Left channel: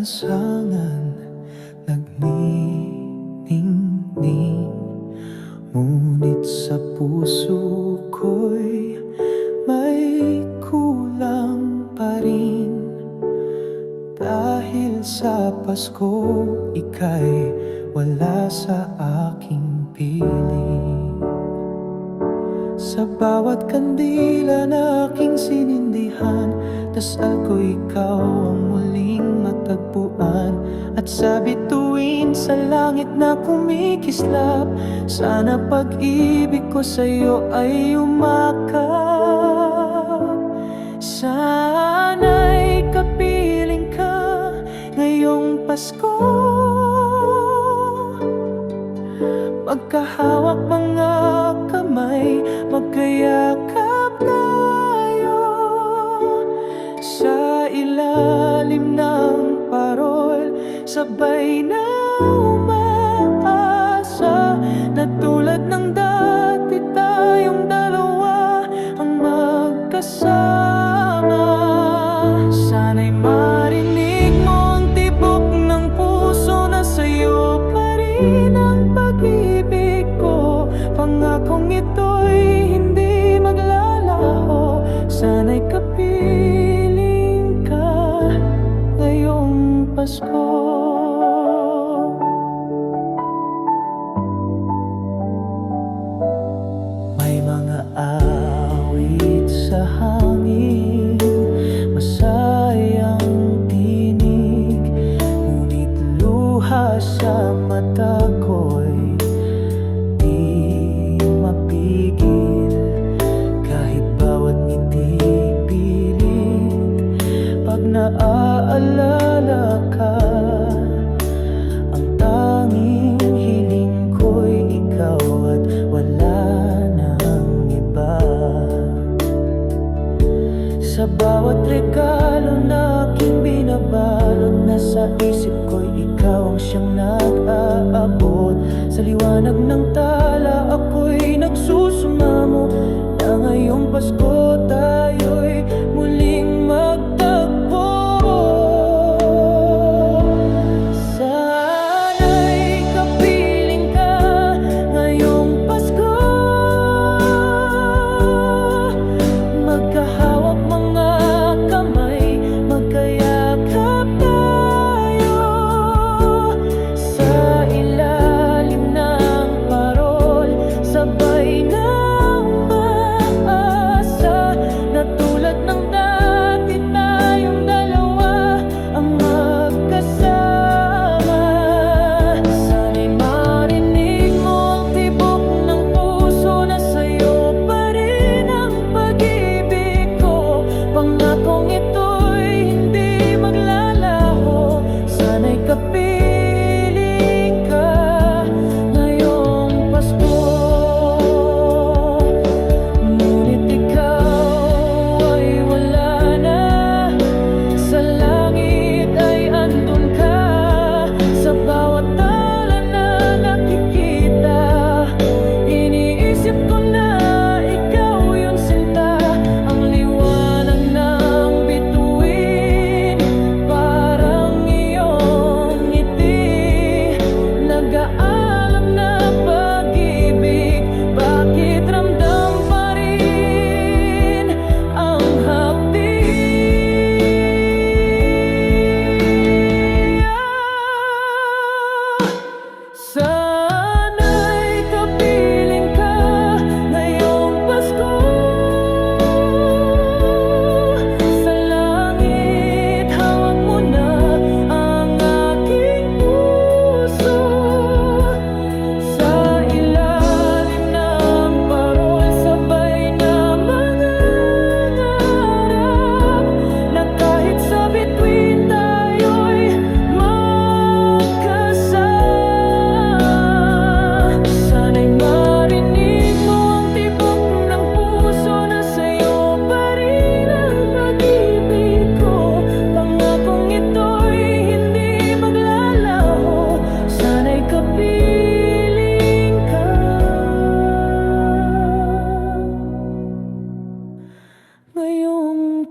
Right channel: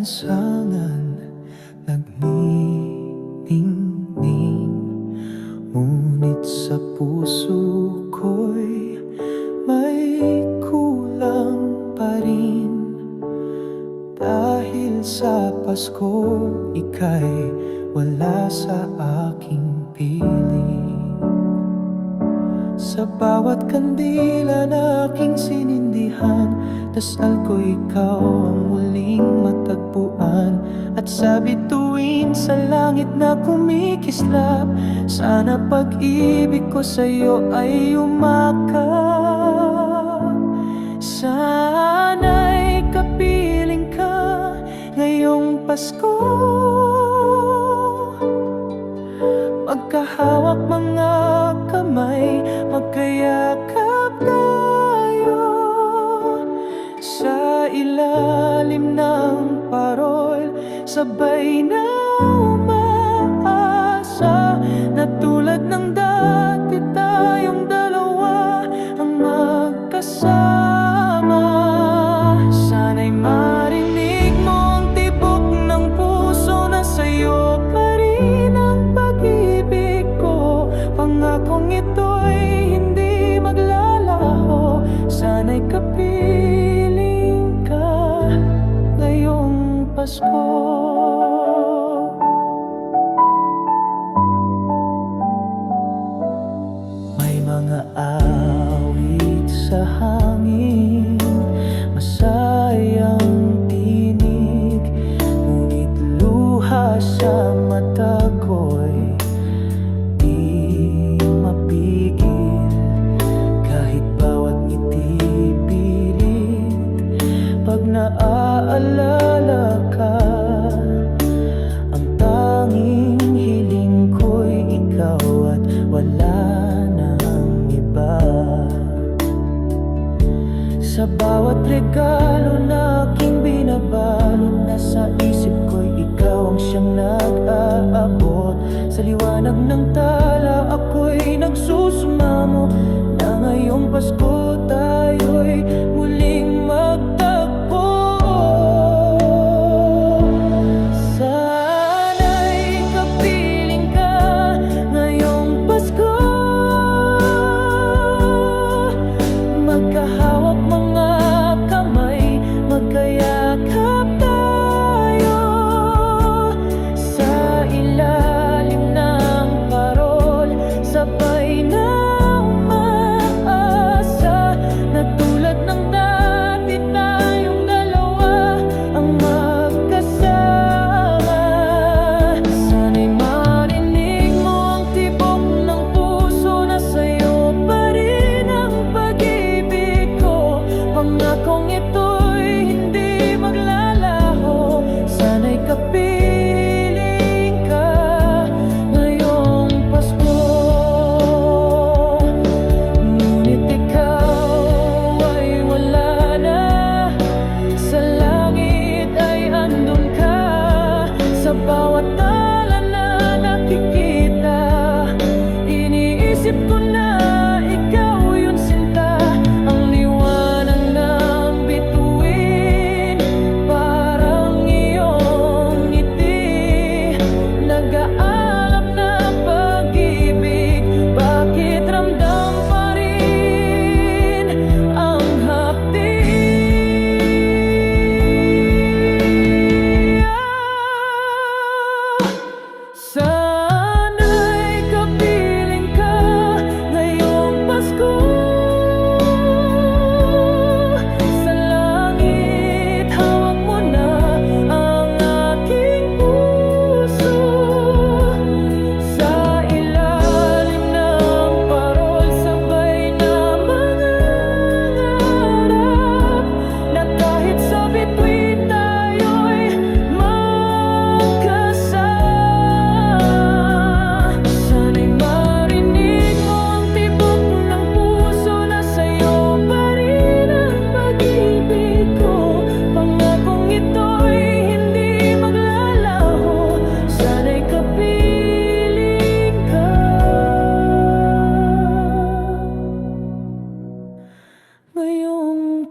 lansangan Nagniningning. Ngunit sa puso ko'y May kulang pa rin. Dahil sa Pasko Ika'y wala sa aking piling. Sa bawat kandila na aking sinindihan Dasal ko ikaw ang muling matagpuan At sa bituin sa langit na kumikislap Sana pag-ibig ko sa'yo ay umakap Sana'y kapiling ka ngayong Pasko. Magkahawak mga kamay Magkayakap tayo Sa ilalim ng parol Sabay na umaasa Na tulad ng dati tayong dalawa Ang magkasama. Sana'y marinig mo ang tibok ng puso Na sa'yo pa rin ang pag-ibig ko. Pangakong ito'y hindi maglalaho Sana'y kapiling ka ngayong Pasko. May mga awit sa hangin Masayang tinig Ngunit luha sa mata ka. Ang tanging hiling ko'y ikaw At wala nang iba. Sa bawat regalo na aking binabalot Nasa isip ko'y ikaw ang siyang nag-aabot. Sa liwanag ng tala ako'y nagsusumamo Na ngayong Pasko tayo'y muling magtagpo Pangakong ito'y hindi maglalaho? Sana'y kapiling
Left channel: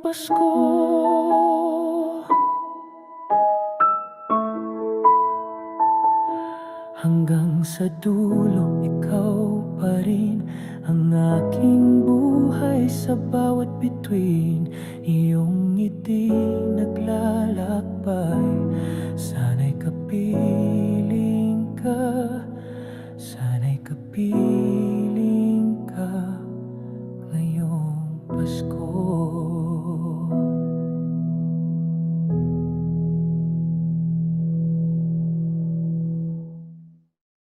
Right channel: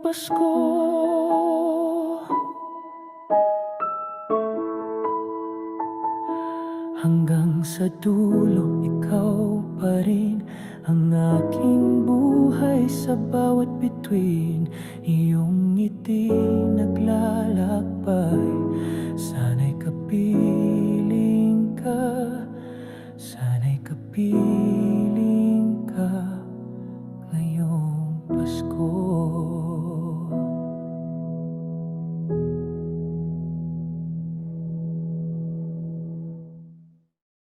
Pasko. Hanggang sa dulo, ikaw pa rin Ang aking buhay sa bawat bituin. Iyong ngiti naglalakbay. Sana'y kapiling ka. Sana'y kapiling ka Ngayong Pasko